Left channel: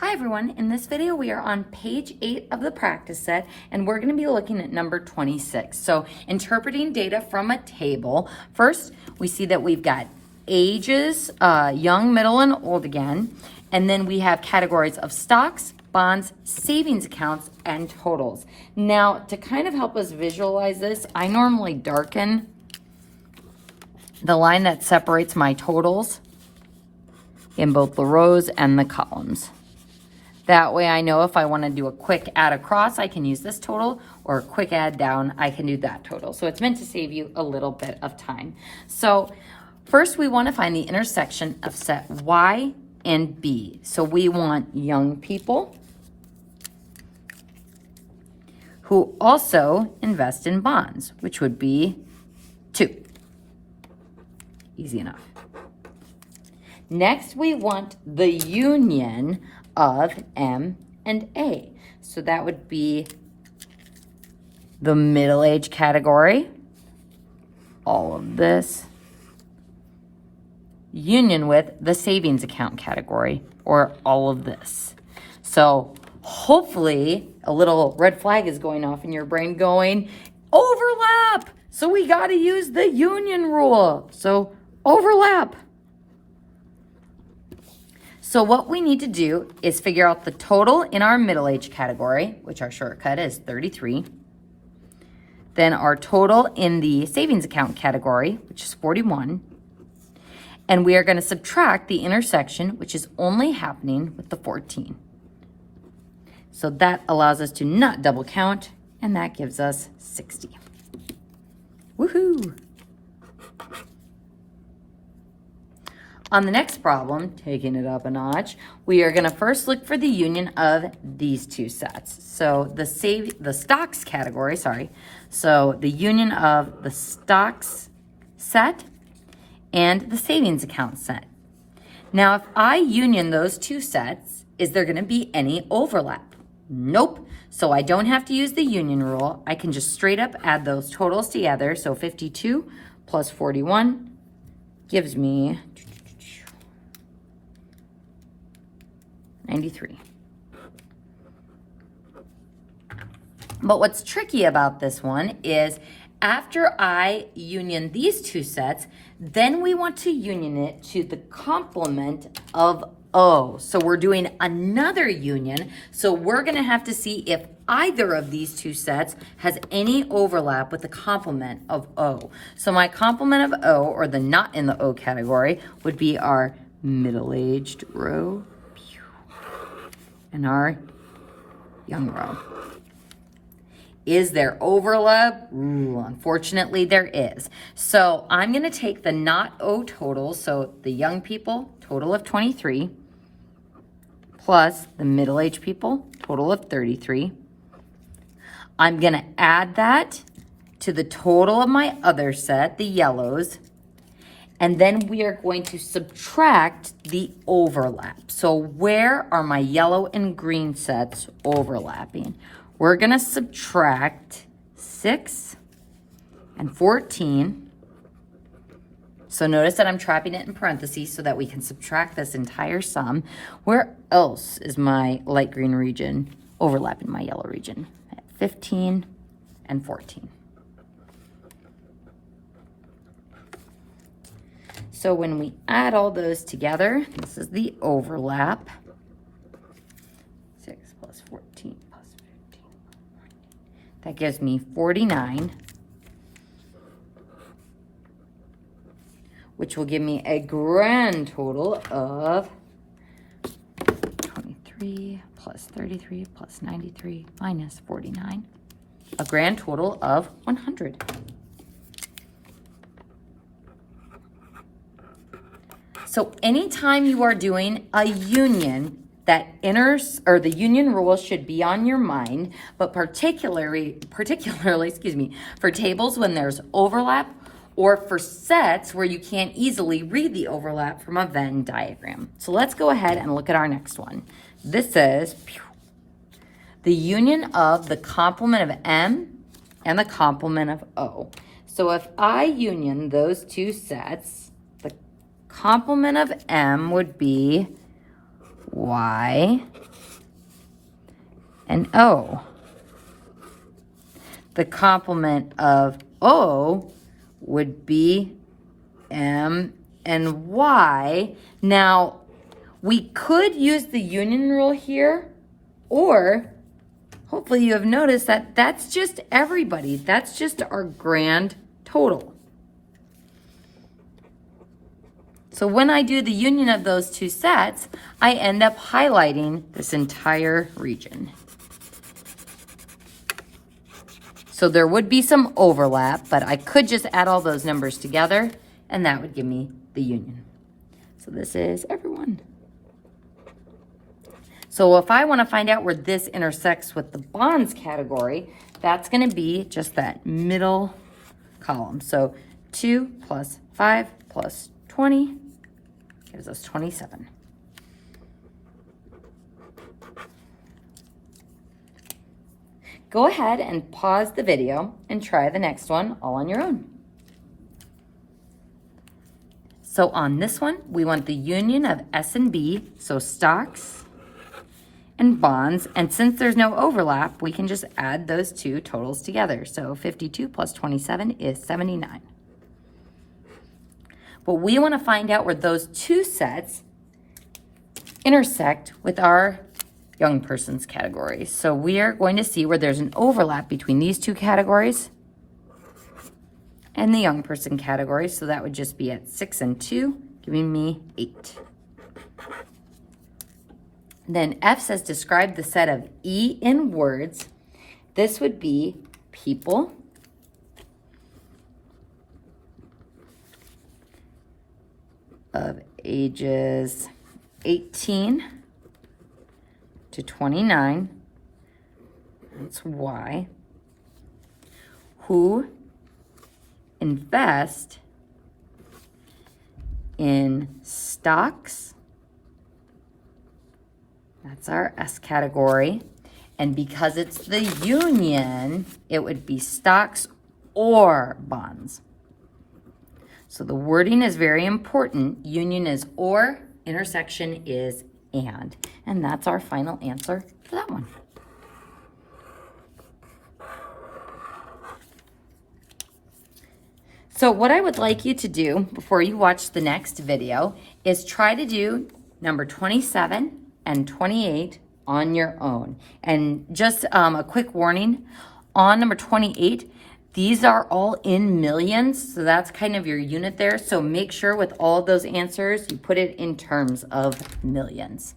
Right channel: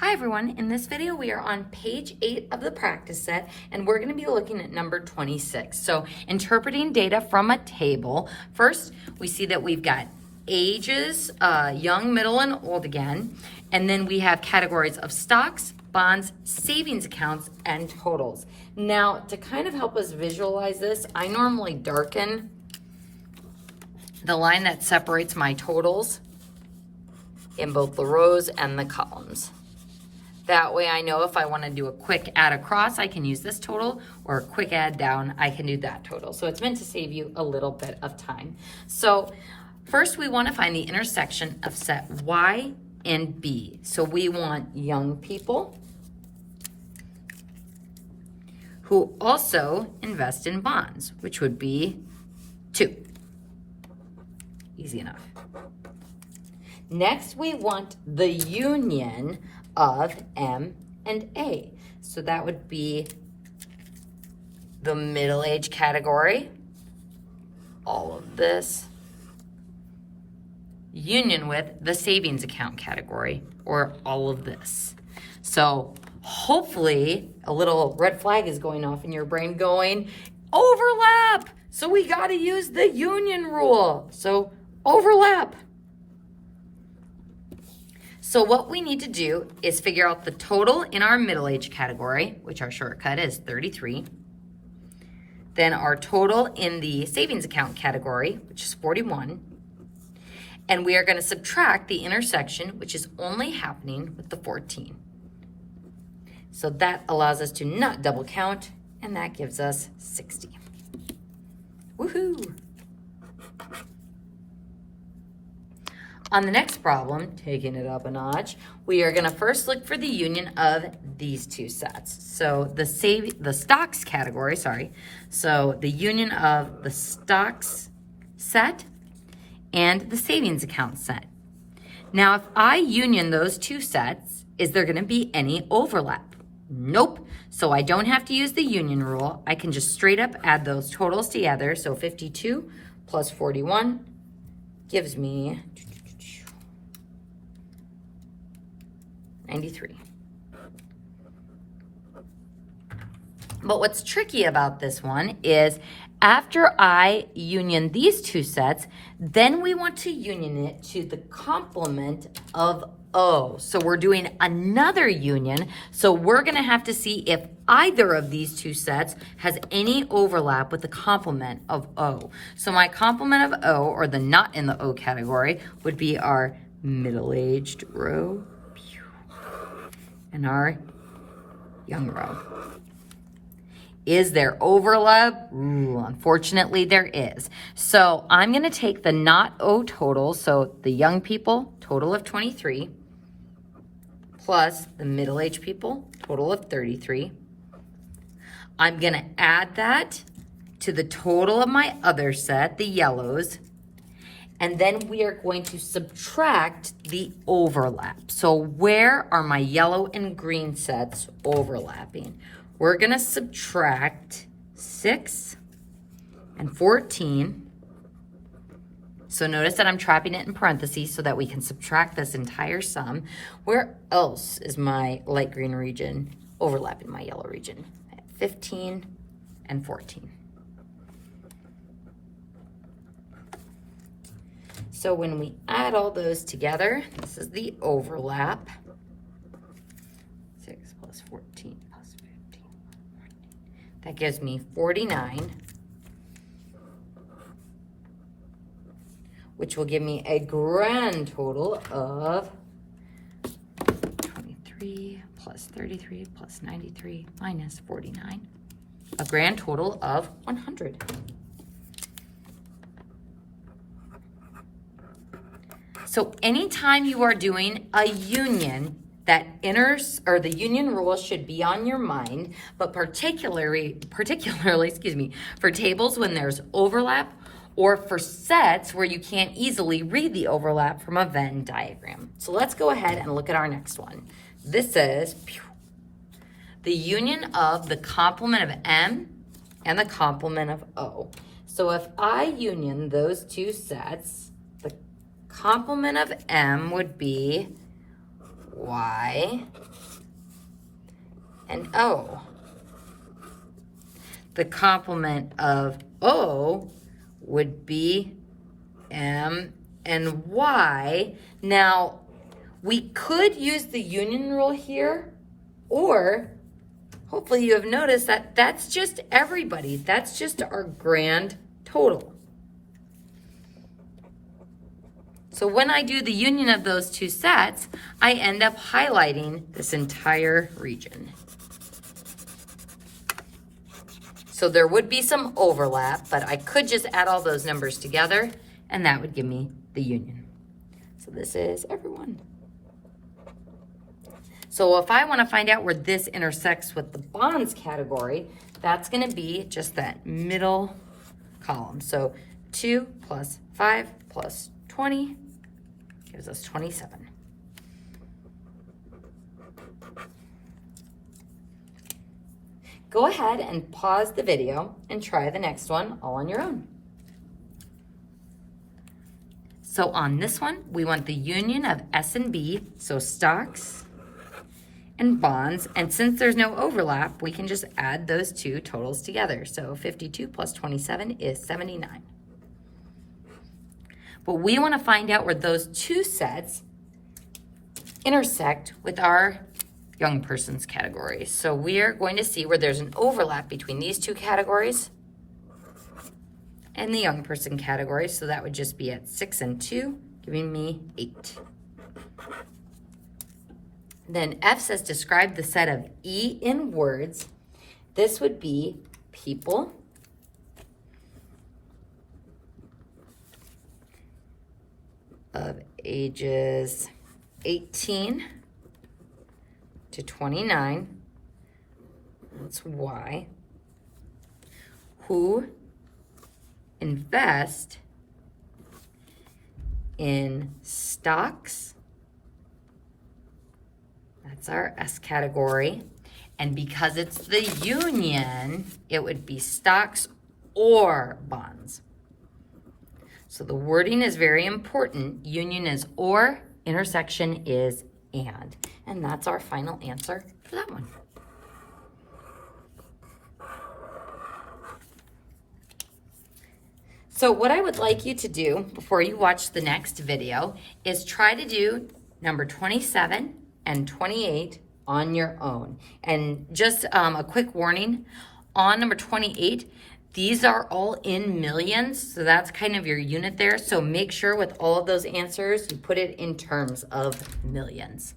Hi everyone, in this video we are on page 8 of the practice set and we're going to be looking at number 26. So interpreting data from a table. First we see that we've got ages, young, middle, and old again. And then we have categories of stocks, bonds, savings accounts, and totals. Now to kind of help us visualize this, I normally darken the line that separates my totals in both the rows and the columns. That way I know if I want to do a quick add across, I can use this total, or a quick add down, I can do that total. So it's meant to save you a little bit of time. So first we want to find the intersection of set Y and B. So we want young people who also invest in bonds, which would be 2. Easy enough. Next, we want the union of M and A. So that would be the middle age category, all of this, union with the savings account category, or all of this. So hopefully a little red flag is going off in your brain going, overlap! So we gotta use the union rule. So overlap. So what we need to do is figure out the total in our middle age category, which our shortcut is 33. Then our total in the savings account category, which is 41. And we are going to subtract the intersection, which is only happening with the 14. So that allows us to not double count, and that gives us 60. Woohoo! On the next problem, taking it up a notch, we are going to first look for the union of these two sets. So the stocks category, so the union of the stocks set and the savings account set. Now, if I union those two sets, is there going to be any overlap? Nope. So I don't have to use the union rule. I can just straight up add those totals together. So 52 plus 41 gives me 93. But what's tricky about this one is after I union these two sets, then we want to union it to the complement of O. So we're doing another union. So we're going to have to see if either of these two sets has any overlap with the complement of O. So my complement of O, or the not in the O category, would be our middle-aged row and our young row. Is there overlap? Ooh, unfortunately, there is. So I'm going to take the not O total, so the young people, total of 23, plus the middle-aged people, total of 33. I'm going to add that to the total of my other set, the yellows, and then we are going to subtract the overlap. So where are my yellow and green sets overlapping? We're going to subtract 6 and 14. So notice that I'm trapping it in parentheses so that we can subtract this entire sum. Where else is my light green region overlapping my yellow region? At 15 and 14. So when we add all those together, this is the overlap. 6 plus 14 plus 15. That gives me 49, which will give me a grand total of 23 plus 33 plus 93 minus 49. A grand total of 100. So anytime you are doing a union, that the union rule should be on your mind, but particularly, for tables when there's overlap, or for sets where you can't easily read the overlap from a Venn diagram. So let's go ahead and look at our next one. This says the union of the complement of M and the complement of O. So if I union those two sets, the complement of M would be Y O. The complement of O would be M and Y. Now, we could use the union rule here, or hopefully you have noticed that that's just everybody. That's just our grand total. So when I do the union of those two sets, I end up highlighting this entire region. So there would be some overlap, but I could just add all those numbers together, and that would give me the union. So this is everyone. So if I want to find out where this intersects with the bonds category, that's going to be just that middle column. So 2 plus 5 plus 20 gives us 27. Go ahead and pause the video and try the next one all on your own. So on this one, we want the union of S and B, so stocks and bonds. And since there's no overlap, we can just add those two totals together. So 52 plus 27 is 79. But we want to find out where those two sets intersect with our young person's category. So we are going to see where there's an overlap between these two categories and the young person category. So that would just be at 6 and 2, giving me 8. Then F says describe the set of E in words. This would be people, of ages 18 to 29, that's Y, who invest in stocks, that's our S category, and because it's the union, it would be stocks or bonds. So the wording is very important. Union is or, intersection is and that's our final answer for that one. So what I would like you to do before you watch the next video is try to do number 27 and 28 on your own. And just a quick warning, on number 28, these are all in millions, so that's kind of your unit there. So make sure with all of those answers, you put it in terms of millions.